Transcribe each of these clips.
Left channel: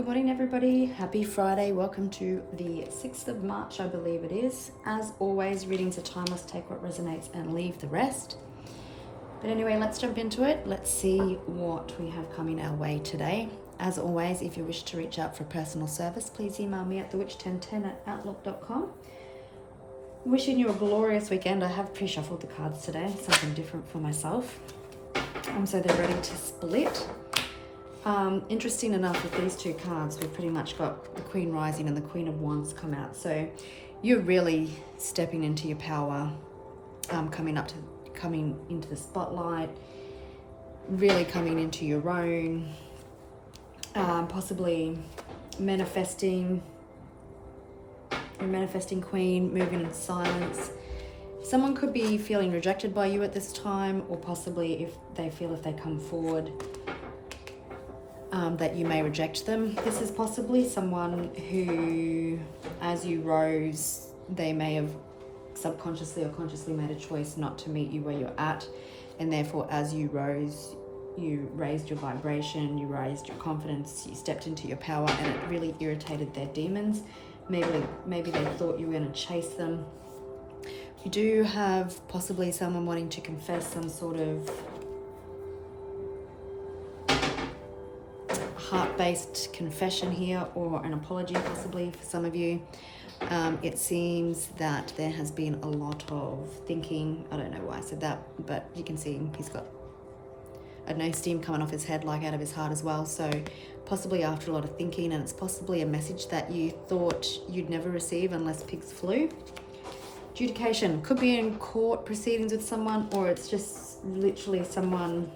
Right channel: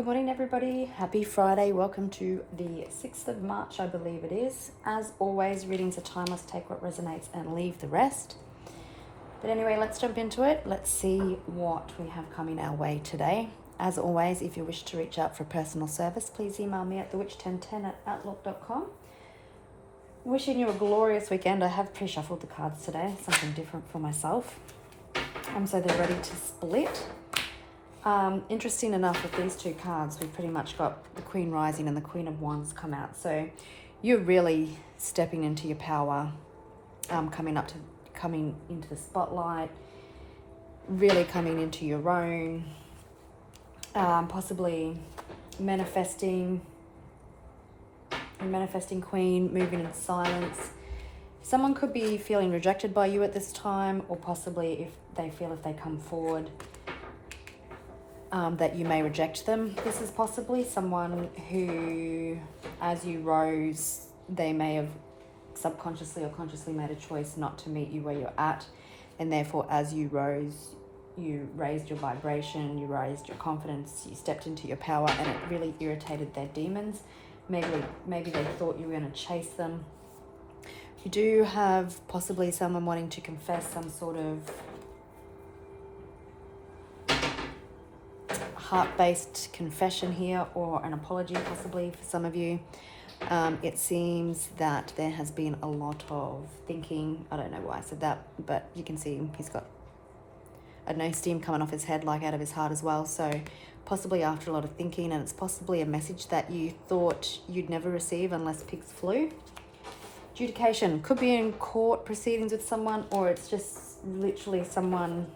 Good morning, everybody. Happy Friday. Welcome to the 6th of March, I believe it is. As always, readings are timeless. Take what resonates and leave the rest. But anyway, let's jump into it. Let's see what we have coming our way today. As always, if you wish to reach out for personal service, please email me at thewitch1010@outlook.com. Wishing you a glorious weekend. I have pre-shuffled the cards today, something different for myself. So they're ready to split. Interesting enough, with these two cards, we've pretty much got the Queen Rising and the Queen of Wands come out. So you're really stepping into your power, coming into the spotlight, really coming into your own, possibly manifesting Queen, moving in silence. Someone could be feeling rejected by you at this time, or possibly if they come forward, that you may reject them. This is possibly someone who, as you rose, they may have subconsciously or consciously made a choice not to meet you where you're at, and therefore as you rose, you raised your vibration, you raised your confidence, you stepped into your power, and it really irritated their demons. Maybe they thought you were going to chase them. You do have possibly someone wanting to confess some sort of heart-based confession here, or an apology possibly for some of you. It seems that there has been a lot of thinking. I don't know why I said that, but you can see he's got, I don't know, steam coming off his head, like out of his heart as well. So possibly after a lot of thinking, and it's possibly a message that you thought you'd never receive unless pigs flew. Adjudication could be in court proceedings with someone, or it's just literally someone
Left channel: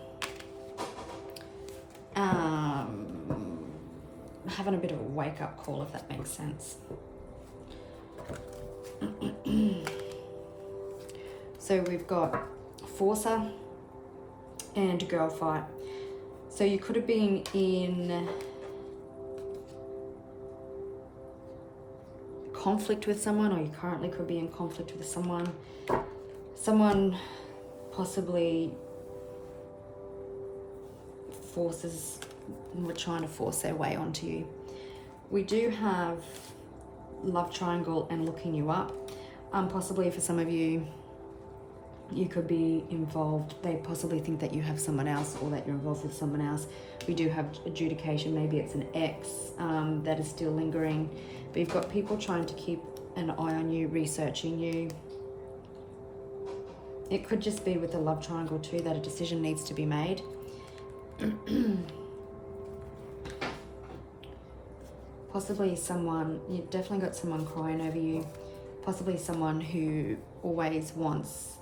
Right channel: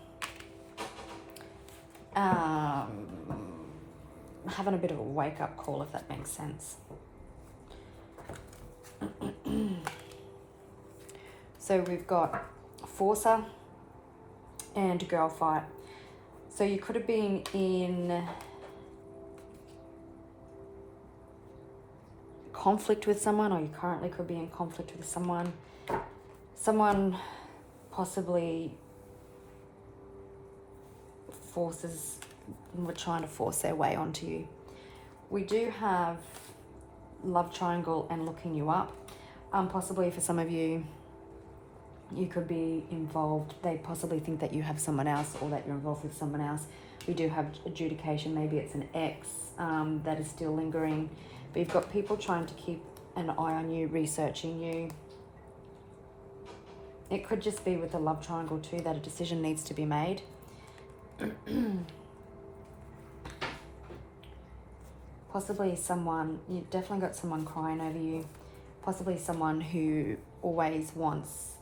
having a bit of a wake-up call, if that makes sense. So we've got Forcer and Girl Fight. So you could have been in conflict with someone, or you currently could be in conflict with someone. Someone possibly were trying to force their way onto you. We do have love triangle and looking you up. Possibly for some of you, you could be involved. They possibly think that you have someone else, or that you're involved with someone else. We do have adjudication. Maybe it's an ex that is still lingering. But you've got people trying to keep an eye on you, researching you. It could just be with the love triangle too, that a decision needs to be made. Possibly you've definitely got someone crying over you. Possibly someone who always wants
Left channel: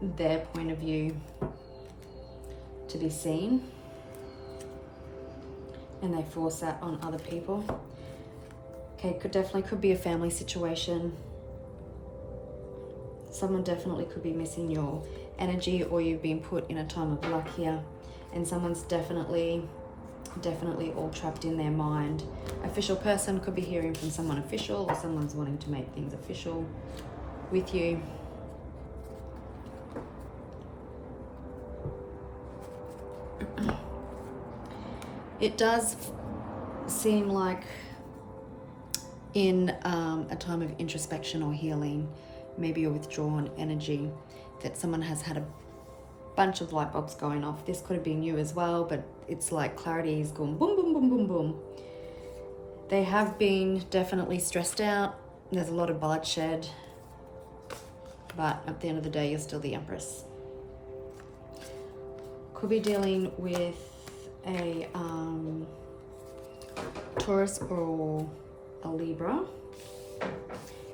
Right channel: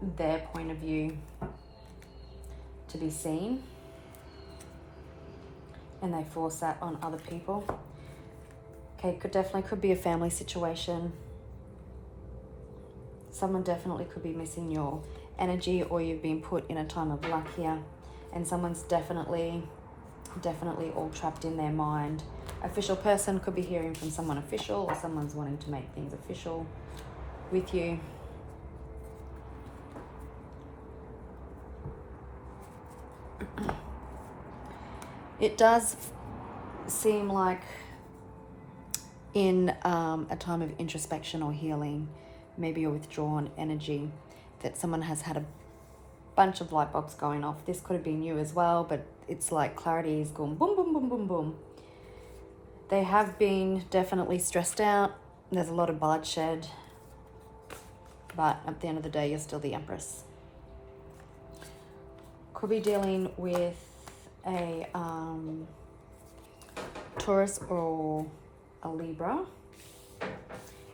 their point of view to be seen, and they force that on other people. Okay, could be a family situation. Someone definitely could be missing your energy, or you've been put in a time of luck here, and someone's definitely all trapped in their mind. Official person could be hearing from someone official, or someone's wanting to make things official with you. It does seem like in a time of introspection or healing, maybe a withdrawn energy, that someone has had a bunch of light bulbs going off. This could have been you as well, but it's like clarity is going boom, boom, boom, boom, boom. They have been definitely stressed out. There's a lot of bloodshed, but at the end of the day, you're still the Empress. Could be dealing with a Taurus or a Libra,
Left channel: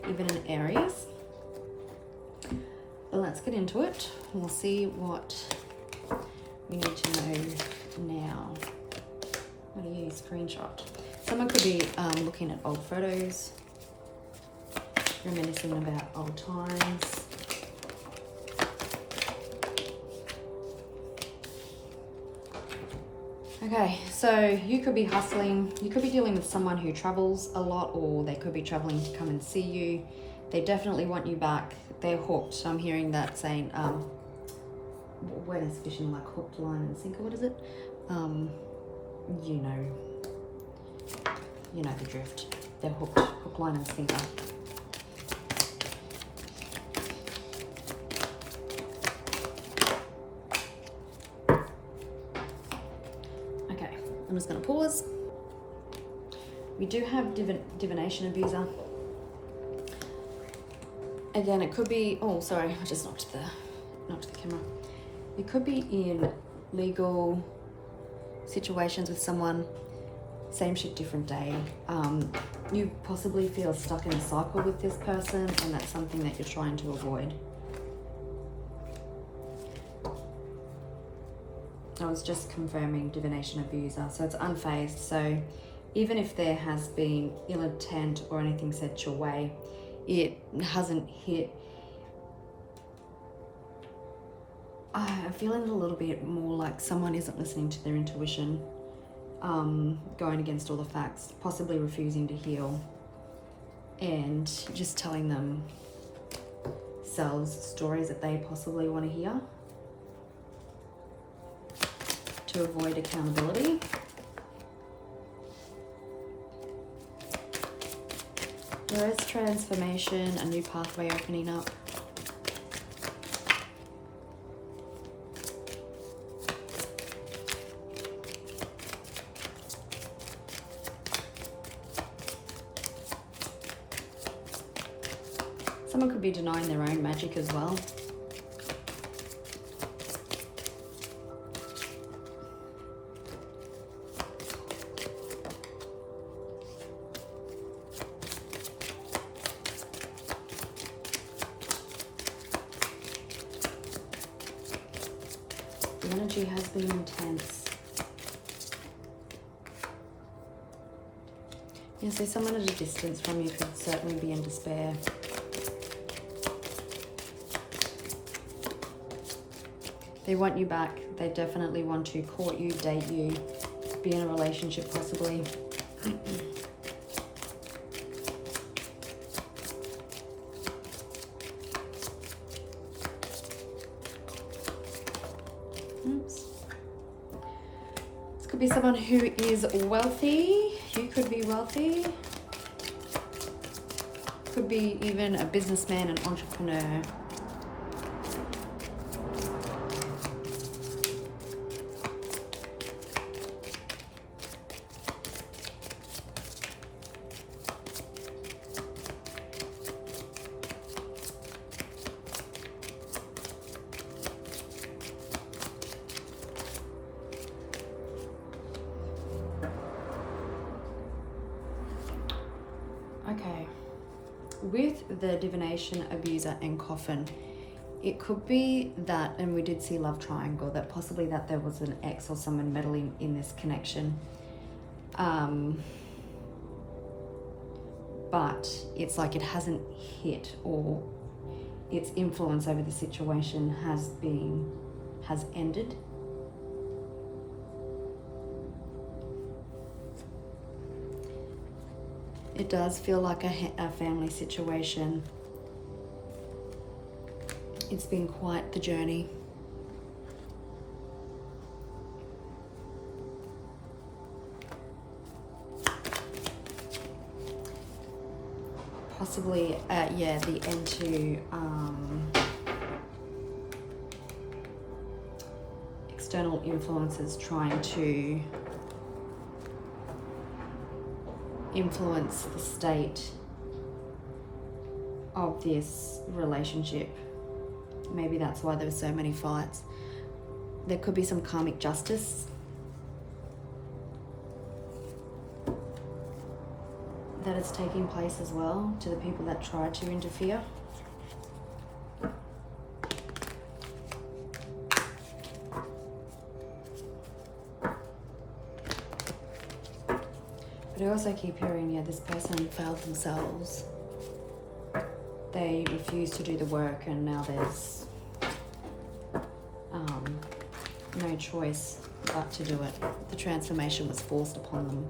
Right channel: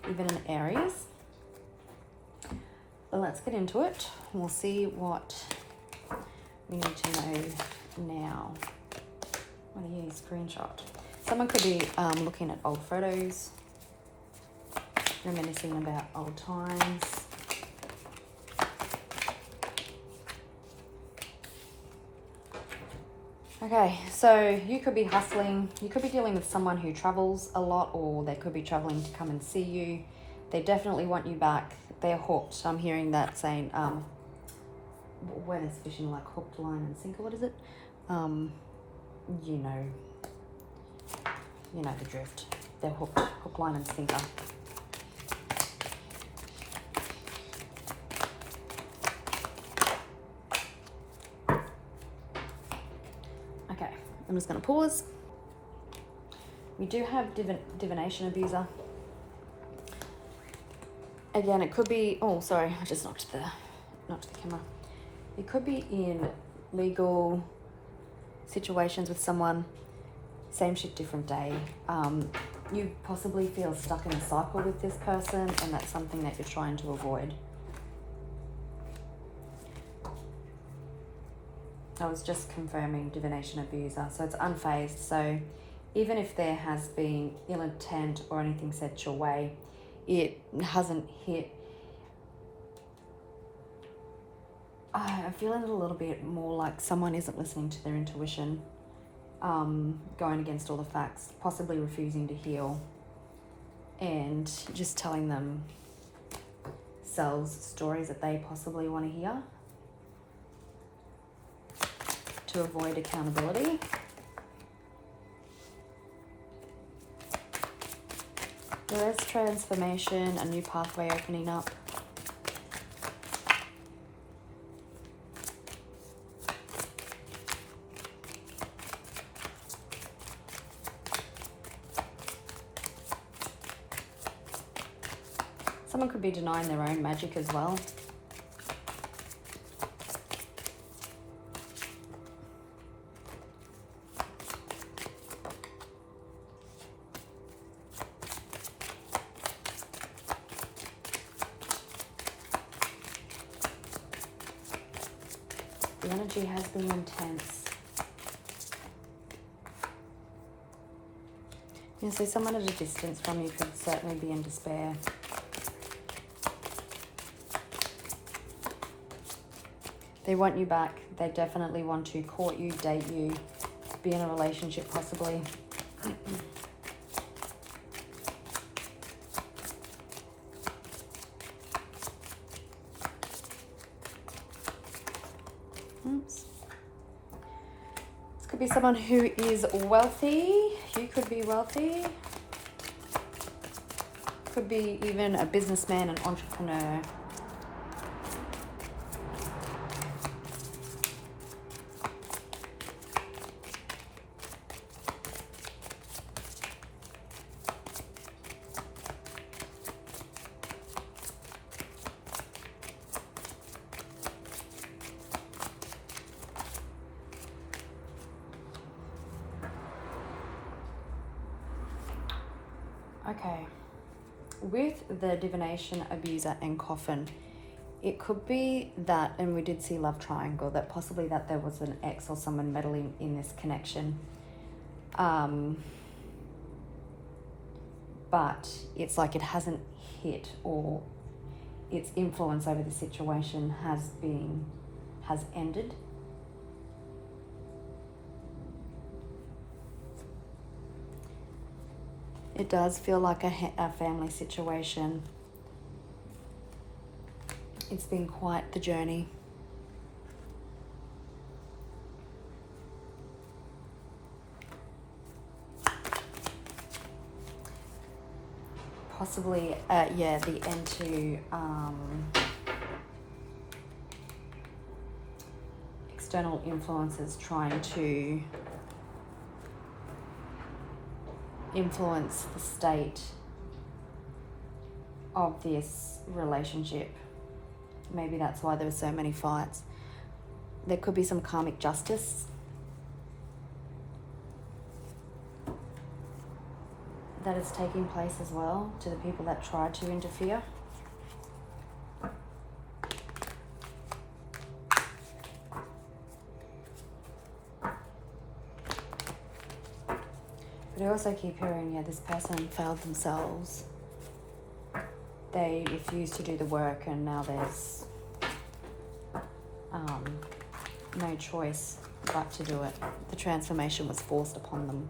even an Aries. But let's get into it. We'll see what we need to know now. What do you screenshot? Someone could be looking at old photos, reminiscing about old times. Okay, so you could be hustling. You could be dealing with someone who travels a lot, or they could be traveling to come and see you. They definitely want you back. They're hooked. I'm hearing that saying, when it's fishing, like hooked, line and sinker, what is it? You know, you know the drift. They're hooked, hook, line and sinker. Okay, I'm just going to pause. We do have divination abuser. Again, it could be, oh, sorry, I just knocked the camera. It could be in legal situations with someone, same shit, different day. You possibly feel stuck in a cycle with this person, and that's something that you're trying to avoid. I was just confirming divination abuser, so it's unfazed. So even if there has been ill intent or anything said your way, it hasn't hit. I'm feeling it a little bit more like someone isn't listening to their intuition, going against all the facts, possibly refusing to heal, and just telling themselves stories that they possibly want to hear to avoid accountability. There is transformation, a new pathway opening up. Someone could be denying their own magic as well. The energy has been intense. You see someone at a distance from you could certainly be in despair. They want you back. They definitely want to court you, date you, be in a relationship possibly. Oops. This could be someone who is wealthy. You could be wealthy. Could be even a businessman, an entrepreneur. Okay, with the divination abuser and coffin, it could be that, and we did see love triangle, that possibly that there was an ex or someone meddling in this connection. But it's like it hasn't hit, or its influence over the situation has ended. It does feel like a family situation. It's been quite the journey. Possibly, the end to external influences trying to influence the state of this relationship. Maybe that's why there were so many fights. There could be some karmic justice that is taking place as well to the people that tried to interfere. But I also keep hearing, this person failed themselves. They refused to do the work, and now there's no choice but to do it. The transformation was forced upon them.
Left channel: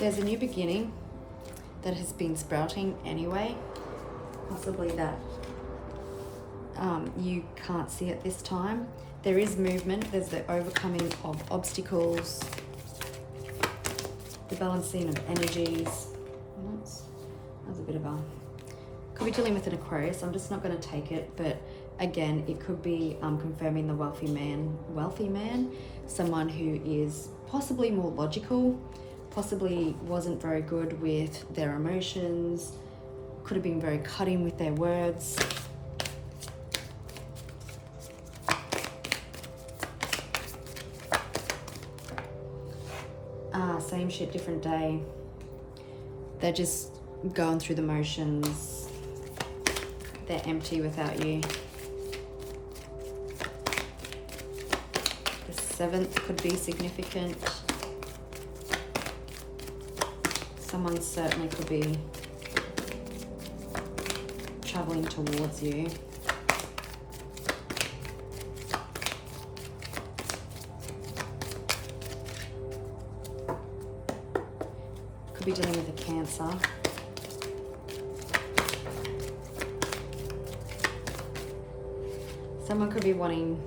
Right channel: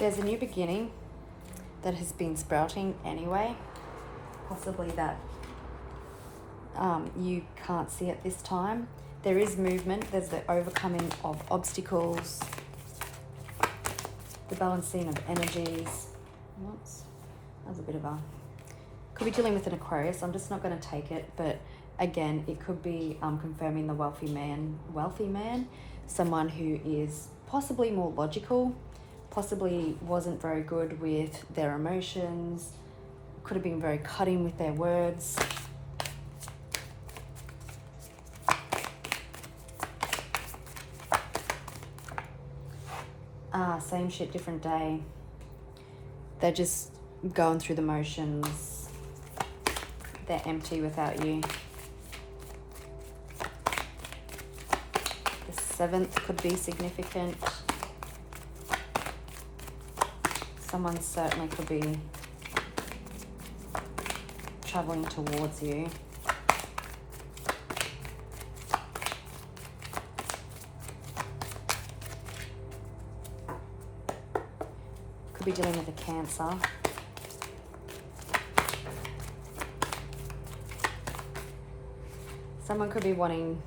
There's a new beginning that has been sprouting anyway. Possibly that you can't see at this time. There is movement. There's the overcoming of obstacles, the balancing of energies. That's a bit of a... Could be dealing with an Aquarius. I'm just not going to take it, but again, it could be confirming the wealthy man, someone who is possibly more logical, possibly wasn't very good with their emotions, could have been very cutting with their words. Same shit, different day. They're just going through the motions. They're empty without you. The 7th could be significant. Someone certainly could be traveling towards you. Could be dealing with a Cancer. Someone could be wanting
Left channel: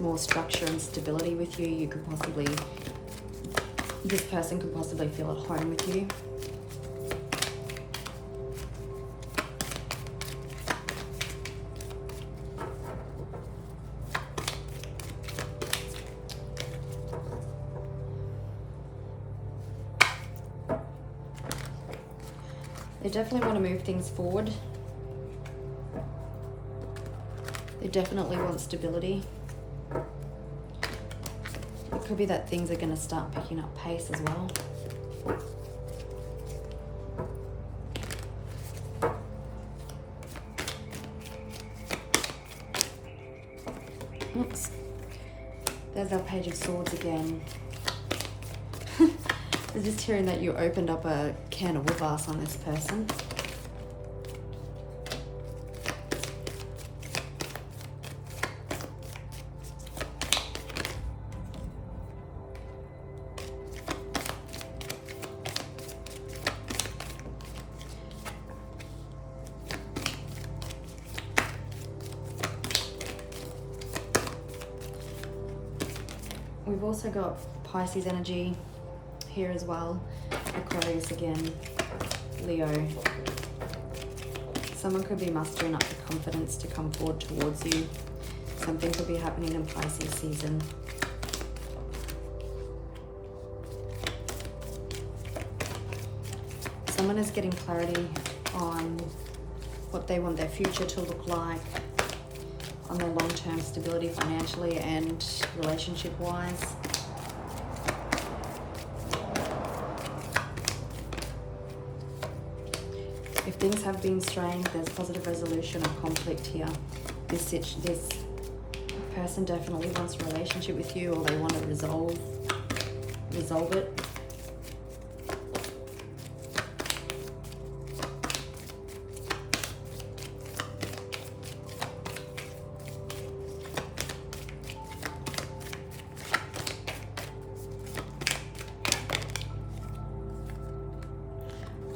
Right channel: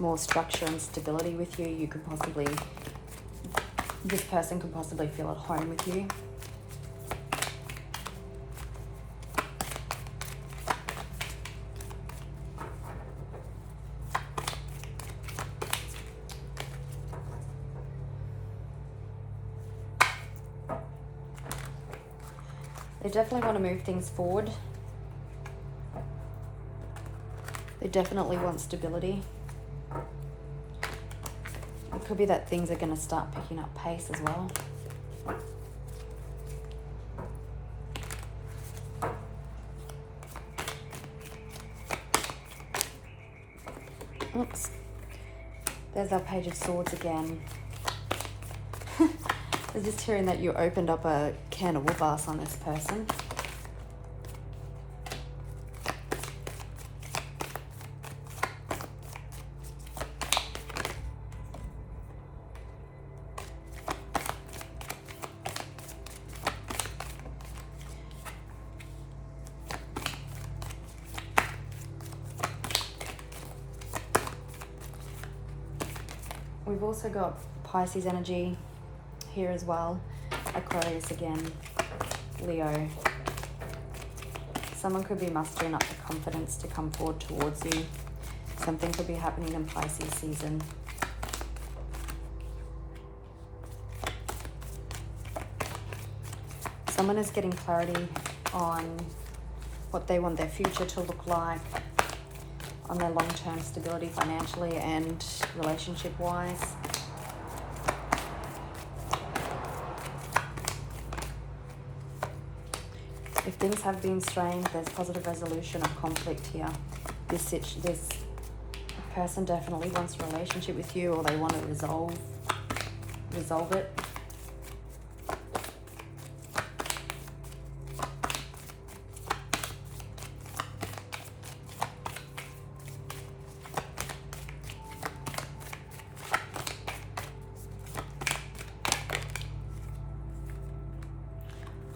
more structure and stability with you. You could possibly, this person could possibly feel at home with you. They definitely want to move things forward. They definitely want stability. It could be that things are going to start picking up pace as well. Oops. There's our Page of Swords again. I was just hearing that you opened up a can of whoop ass on this person. We've also got Pisces energy here as well. Aquarius again, Leo. Someone could be mustering up the confidence to come forward towards you. Something could be happening in Pisces season. Someone is getting clarity on what they want their future to look like, on their long-term stability financially and relationship-wise. If things have been strained, there's positive resolution of conflict here. This person definitely wants a relationship with you, or they want to resolve it.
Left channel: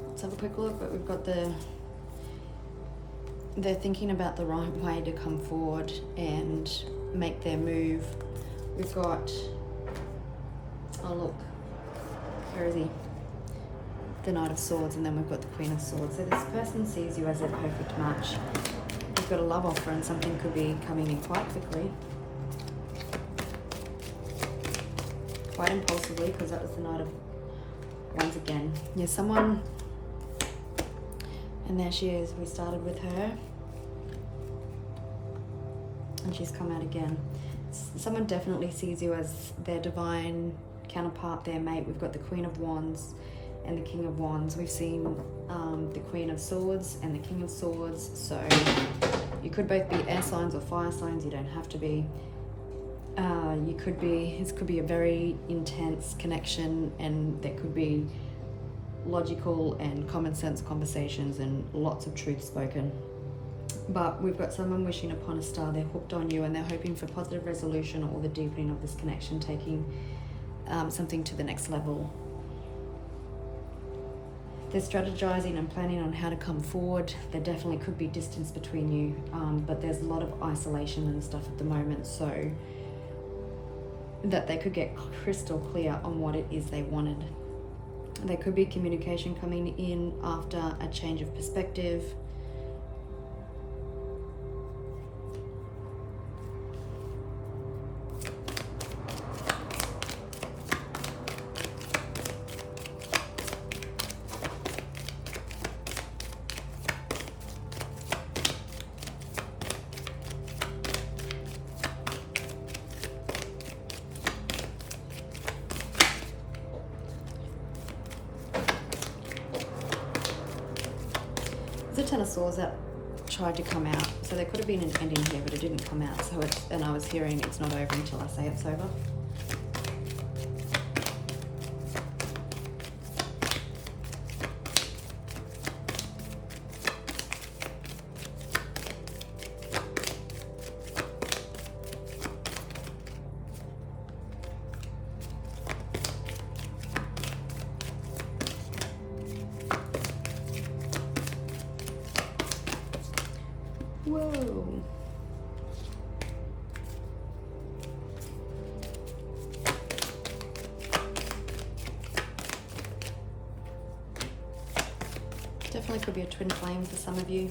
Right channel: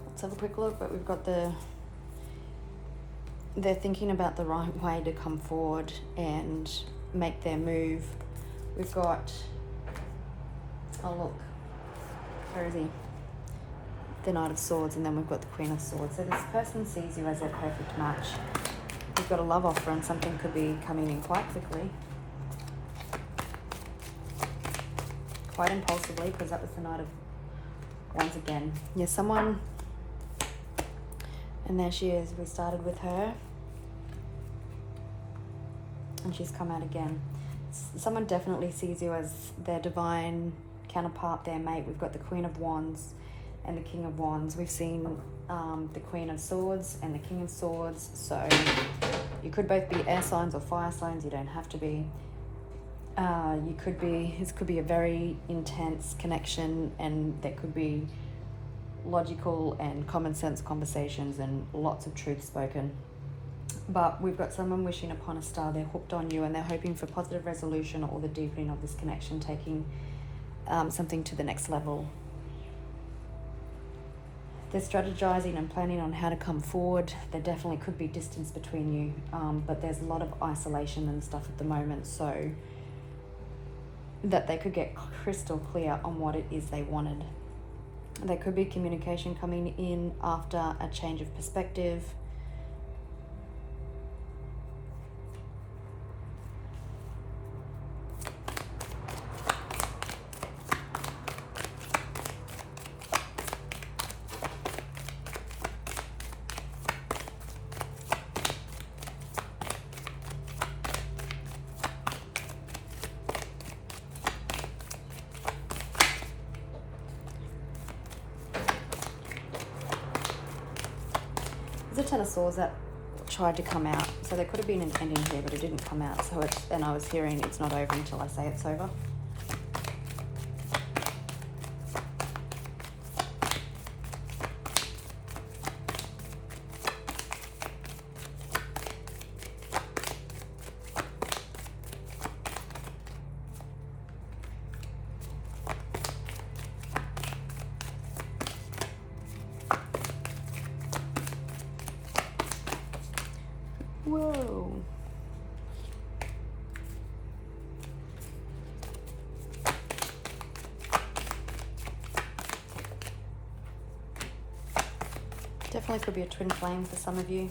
Let's have a quick look, but we've got they're thinking about the right way to come forward and make their move. We've got, oh look, where is he? The Knight of Swords, and then we've got the Queen of Swords. So this person sees you as a perfect match. You've got a love offer and something could be coming in quite quickly. Quite impulsively, because that was the Knight of Wands again. Yeah, someone... And there she is. We started with her. And she's come out again. Someone definitely sees you as their divine counterpart, their mate. We've got the Queen of Wands and the King of Wands. We've seen the Queen of Swords and the King of Swords. So you could both be air signs or fire signs. You don't have to be. This could be a very intense connection, and there could be logical and common sense conversations and lots of truth spoken. But we've got someone wishing upon a star. They're hooked on you and they're hoping for positive resolution or the deepening of this connection, taking something to the next level. They're strategizing and planning on how to come forward. There definitely could be distance between you, but there's a lot of isolation and stuff at the moment, so that they could get crystal clear on what it is they wanted. There could be communication coming in after a change of perspective. There's a Ten of Swords that tried to come out, so there could have been an ending here, but it didn't come out. So and I was hearing it's not over until I say it's over. Whoa. Definitely could be a twin flame for some of you.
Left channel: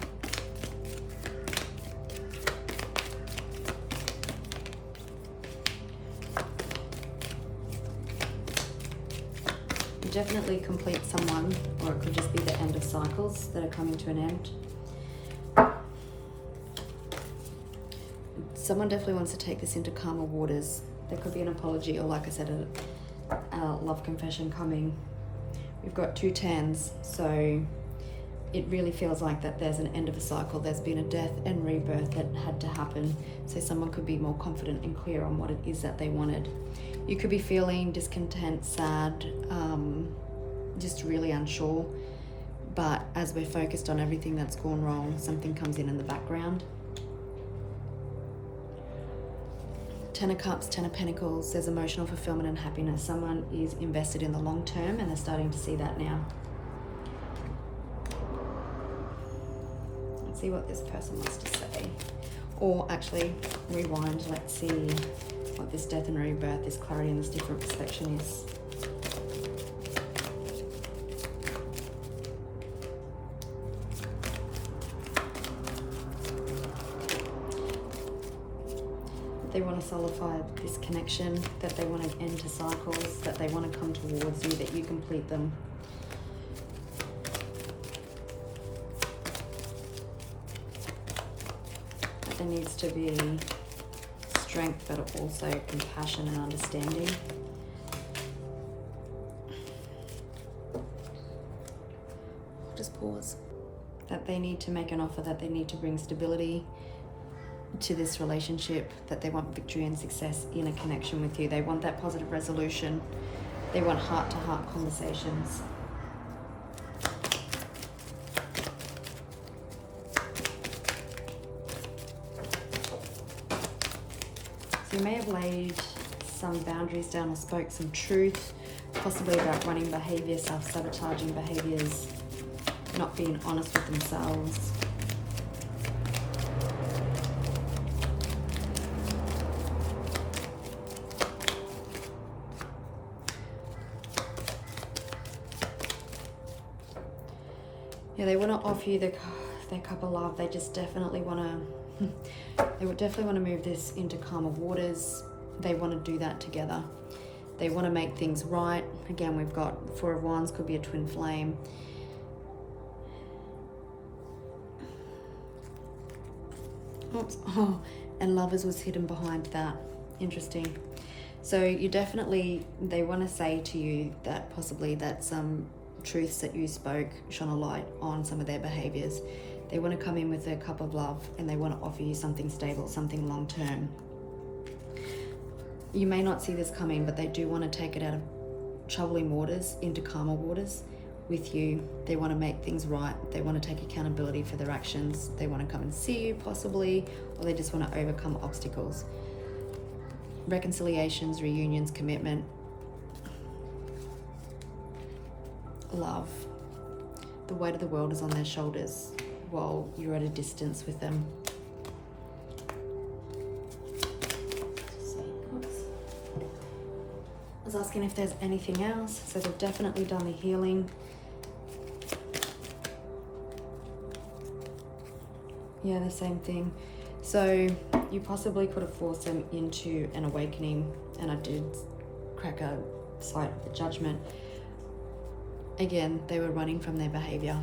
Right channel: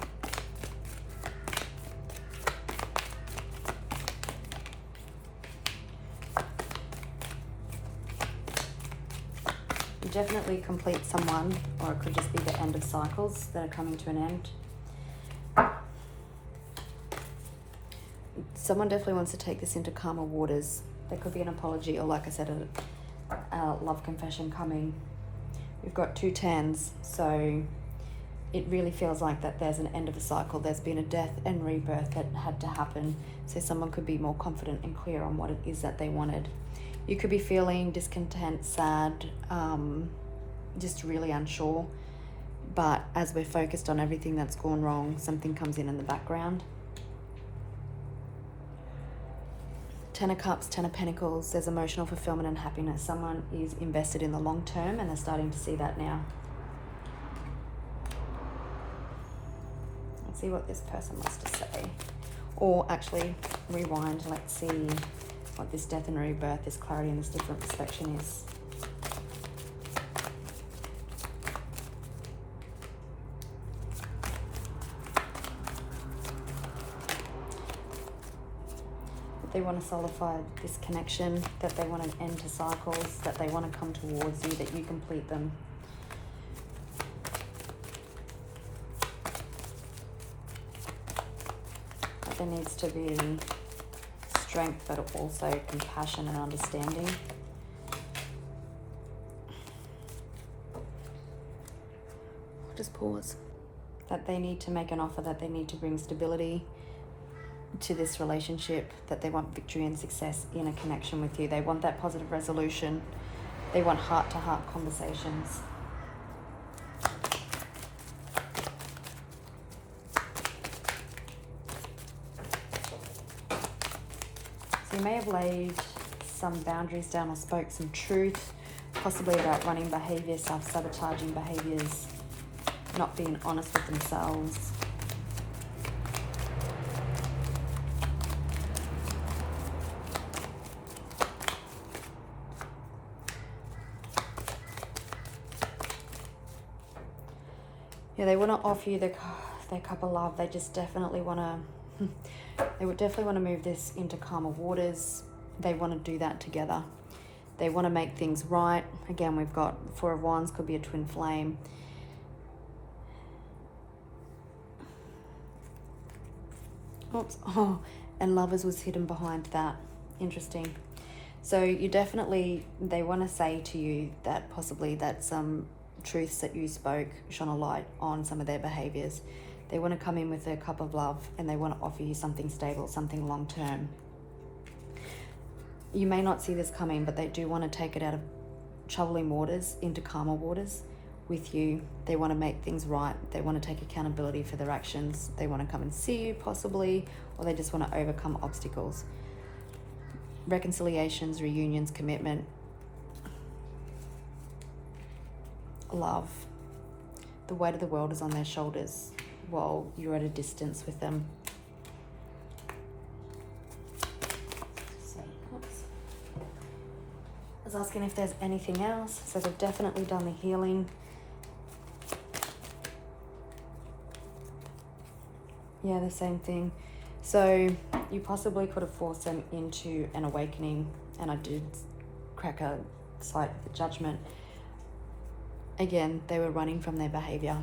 You definitely complete someone, or it could just be the end of cycles that are coming to an end. Someone definitely wants to take this into calmer waters. There could be an apology, or like I said, a love confession coming. We've got 2 tens, so it really feels like that there's an end of a cycle. There's been a death and rebirth that had to happen, so someone could be more confident and clear on what it is that they wanted. You could be feeling discontent, sad, just really unsure, but as we're focused on everything that's gone wrong, something comes in the background. 10 of Cups, 10 of Pentacles, there's emotional fulfillment and happiness. Someone is invested in the long term and they're starting to see that now. Let's see what this person wants to say. Or actually, rewind, let's see what this death and rebirth, this clarity and this different perception is. They want to solidify this connection, that they want an end to cycles, that they want to come towards you, that you complete them. That there needs to be strength, but also compassion and understanding. Just pause. That they need to make an offer, that they need to bring stability to this relationship, that they want victory and success in a connection with you. They want that positive resolution. They want heart-to-heart conversations. So you may have laid some boundaries down or spoke some truth, possibly about running behaviour, self-sabotaging behaviours, not being honest with themselves. Yeah, they want to offer you their cup of love. They just definitely want to, they would definitely want to move this into calmer waters. They want to do that together. They want to make things right. Again, we've got 4 of Wands, could be a twin flame. Oops. Oh, and Lovers was hidden behind that. Interesting. So you definitely, they want to say to you that possibly that some truths that you spoke shone a light on some of their behaviors. They want to come in with their cup of love and they want to offer you something stable, something long term. You may not see this coming, but they do want to take it out of troubling waters into calmer waters with you. They want to make things right. They want to take accountability for their actions. They want to come and see you possibly, or they just want to overcome obstacles. Reconciliations, reunions, commitment, love. The weight of the world is on their shoulders while you're at a distance with them. I was asking if there's anything else. So they've definitely done the healing. Yeah, the same thing. So you possibly could have forced them into an awakening, and I did crack a sight of the Judgment. Again, they were running from their behavior.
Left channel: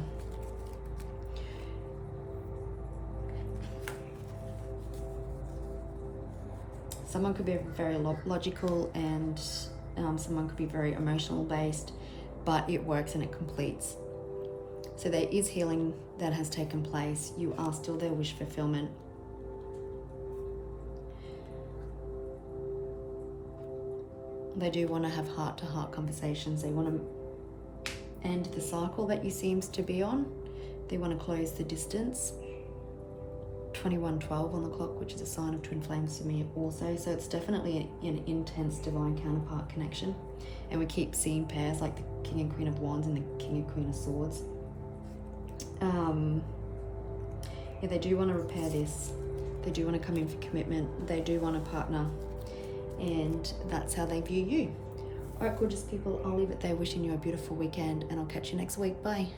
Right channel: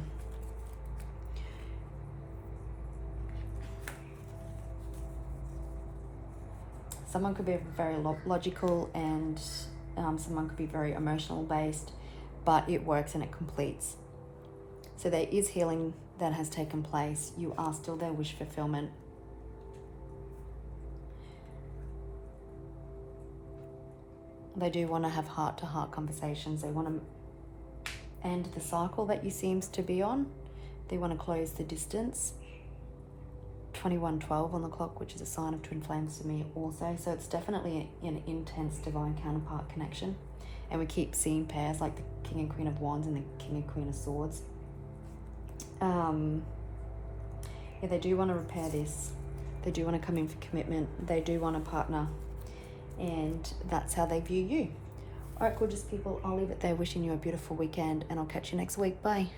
Someone could be very logical, and someone could be very emotional based, but it works and it completes. So there is healing that has taken place. You are still their wish fulfillment. They do want to have heart-to-heart conversations. They want to end the cycle that you seems to be on. They want to close the distance. 2112 on the clock, which is a sign of twin flames to me also. So it's definitely an intense divine counterpart connection. And we keep seeing pairs like the King and Queen of Wands and the King and Queen of Swords. Yeah, they do want to repair this. They do want to come in for commitment. They do want a partner. And that's how they view you. All right, gorgeous people, I'll leave it there. Wishing you a beautiful weekend, and I'll catch you next week. Bye.